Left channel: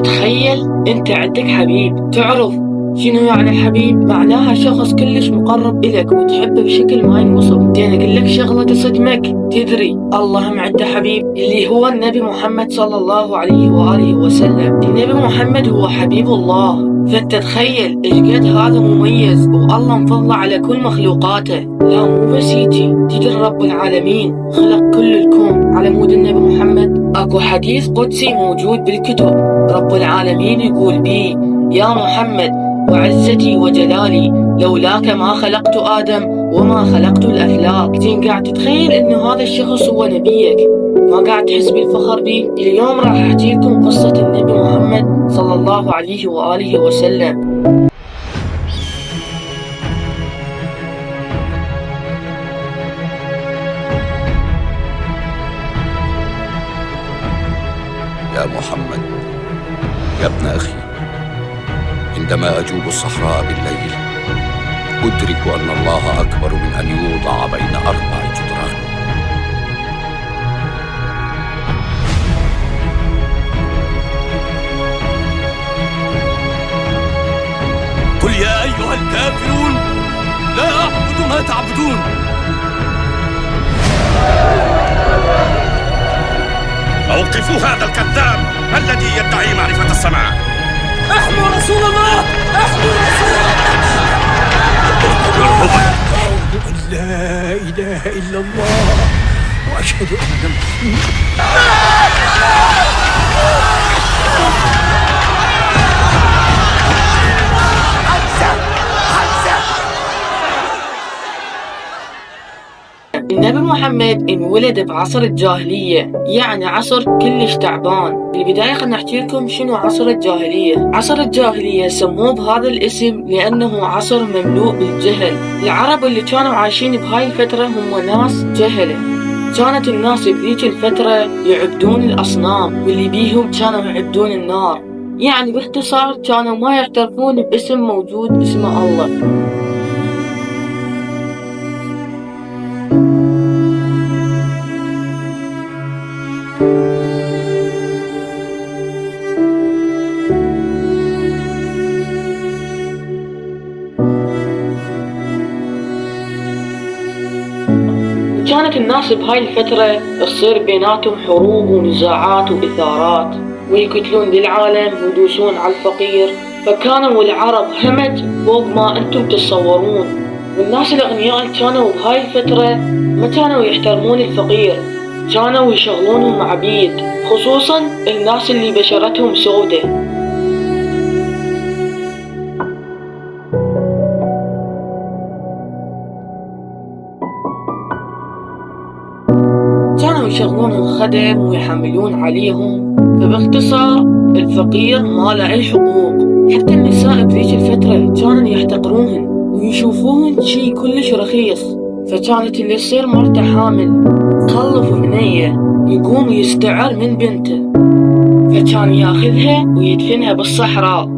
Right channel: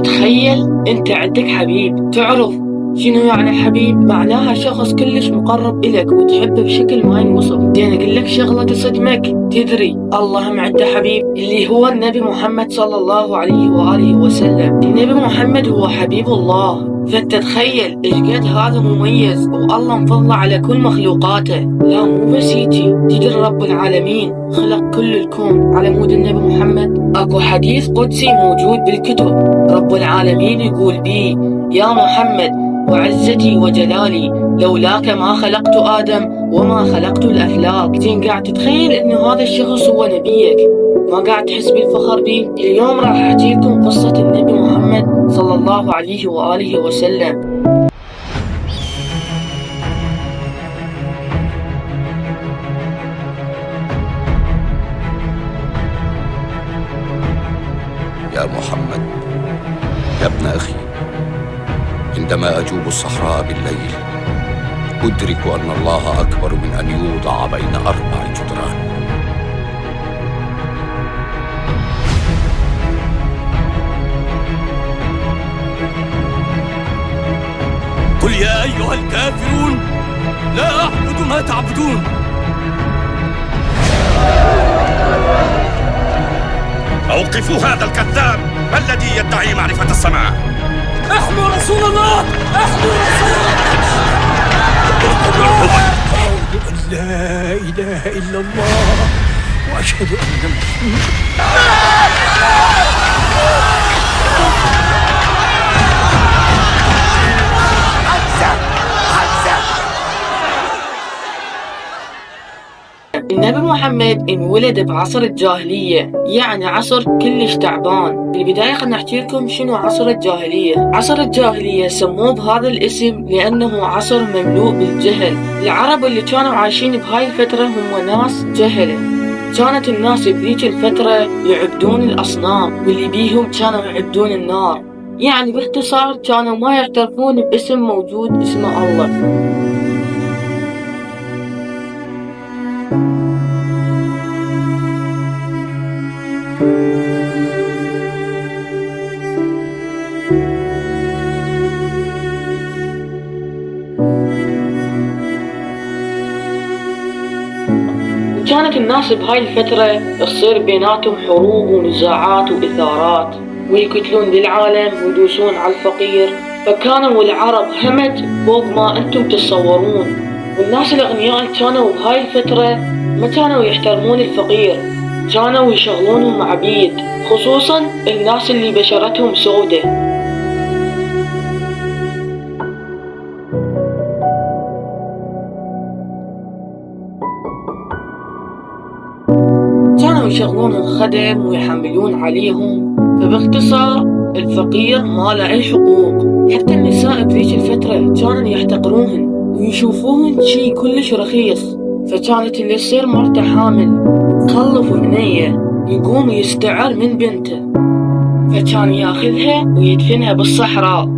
تخيل انت عندك حبيب، تعرف شنو يعني حبيب؟ معناها شخص كلش مقرب إلك وتحبه بشكل ما ينوصف. دين اقول لك شغلة تصدمك، تدري الله هم عنده حبيب اللي هو النبي محمد صلى الله عليه وآله وسلم. النبي محمد هو حبيب الله، فانت تخيل ايش قد هذا مميز والله مفضله على كل مخلوقاته. لا مو بس يجي، تدري رب العالمين خلق كل الكون على مود النبي محمد. اكو حديث قدسي موجود بالكتب، رب العالمين يقول بيه: يا محمد وعزتي وجلالي لولاك ما خلقت آدم وما خلقت الأفلاك. زين قاعد تتخيل إنه هذا الشخص هو نبيك؟ ما قاعد تحس بالفخر بيه؟ اليوم راح أحكي لكم قصة النبي محمد صلى الله عليه وآله وسلم. يا محمد، يا ابن أخي، عندما أجوب الصحراء بالليل أدرك أن الله أكبر من أن يوضع بين 4 جدران. قل يا أيها الكافرون لا أعبد ما تعبدون. أوقفوا هذا الكذاب الذي يدعي معرفة السماء. احموا رسول الله، احموا رسول الله. أشهد أن لا إله إلا الله وأشهد أن النبي محمد انولد بعصر الجاهلية، يعني عصر كلش تعبان. بالبداية خلنا نحكي لكم شنو عصر الجاهلية. عصر الجاهلية سموه بهذا الاسم لأنه عصر مملوء بالجهل. العرب اللي كانوا عايشين بهاي الفترة هم ناس جهلة. كانت الناس بذيك الفترة يعبدون الأصنام، واللي بيهم كانوا يعبدون النار. يعني باختصار كانوا ما يعترفون باسم موجود اسمه الله. كانت الناس بهاي الفترة تصير بيناتهم حروب ونزاعات وإثارات، ويقتلون للعالم ويدوسون على الفقير. فكانوا العرب همج فوق ما أنتم تتصورون. والناس الأغنياء اللي كانوا بهاي الفترة ما كانوا يحترمون الفقير، كانوا يشغلونهم عبيد، خصوصا الناس اللي بشرتهم سودة. كانوا يشغلون الخدم ويحملون عليهم. فباختصار الفقير ما له أي حقوق. حتى النساء بذيك الفترة كانوا يحتقروهن ويشوفوهن شي كلش رخيص. فكانت اللي تصير مرته حامل تخلف بنية يقوم يستعر من بنته، فكان ياخذها ويدفنها بالصحراء.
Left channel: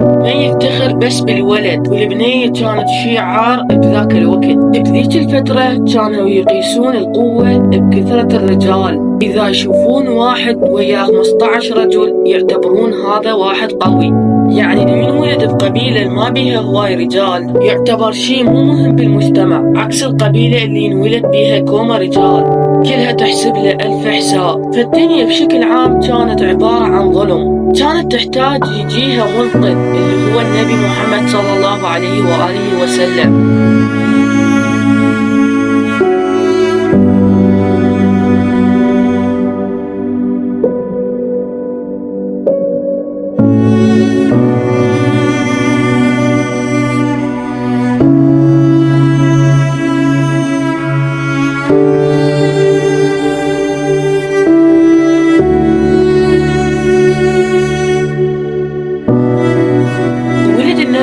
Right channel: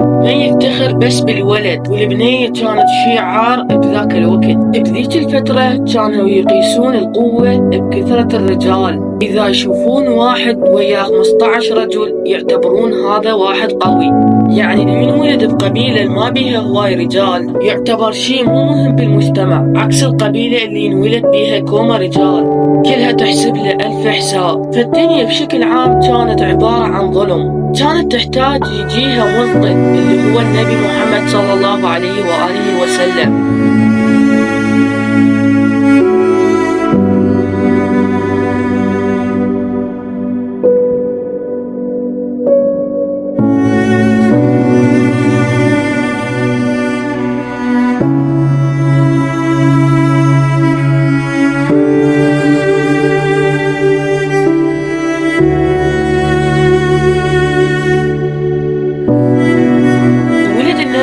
ما يفتخر بس بالولد، والبنية كانت شي عار بذاك الوقت. بذيك الفترة كانوا يقيسون القوة بكثرة الرجال. إذا يشوفون واحد وياه 15 رجل يعتبرون هذا واحد قوي. يعني اللي ينولد بقبيلة ما بيها هواي رجال يعتبر شي مو مهم بالمجتمع، عكس القبيلة اللي ينولد بيها كومة رجال كلها تحسب له 1000 حساب. فالدنيا بشكل عام كانت عبارة عن ظلم. كانت تحتاج يجيها منقذ اللي هو النبي محمد صلى الله عليه وآله وسلم.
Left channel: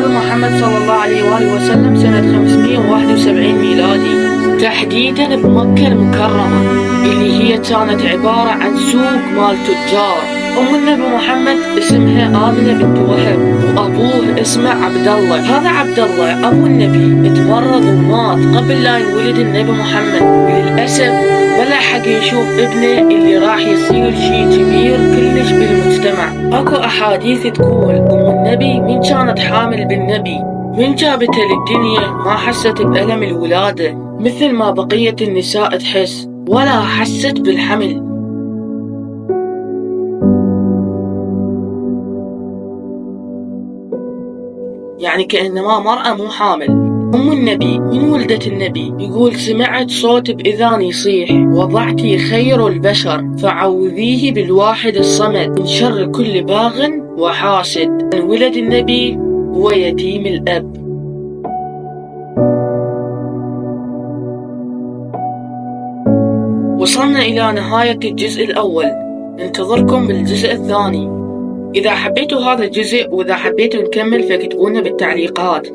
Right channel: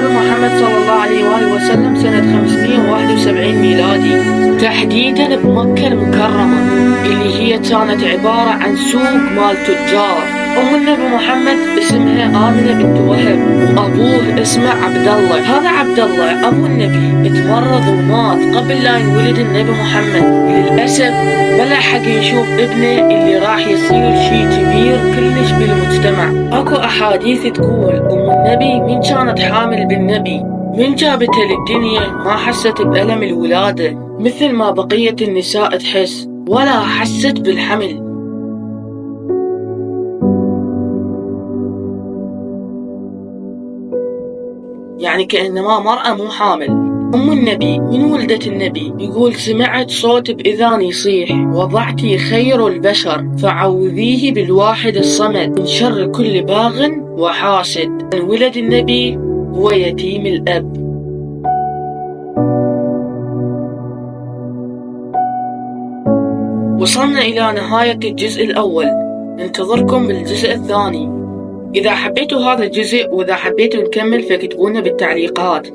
محمد صلى الله عليه وآله وسلم سنة 571 ميلادي، تحديدا بمكة المكرمة، اللي هي كانت عبارة عن سوق مال تجار. أم النبي محمد اسمها آمنة بنت وهب، وأبوه اسمه عبد الله. هذا عبد الله أبو النبي اتمرض ومات قبل لا ينولد النبي محمد، وللأسف بلا حق يشوف ابنه اللي راح يصير شي كبير كلش بالمجتمع. أكو أحاديث تقول أم النبي من كانت حامل بالنبي من جابته للدنيا ما حست بألم الولادة مثل ما بقية النساء تحس، ولا حست بالحمل. يعني كأنما مرأة مو حامل. أم النبي من ولدت النبي يقول سمعت صوت بإذاني يصيح وضعتي خير البشر فعوذيه بالواحد الصمد من شر كل باغ وحاسد. ولد النبي هو يتيم الأب. وصلنا إلى نهاية الجزء الأول، ننتظركم بالجزء الثاني. إذا حبيتوا هذا الجزء وإذا حبيتوا نكمل فاكتبونا بالتعليقات.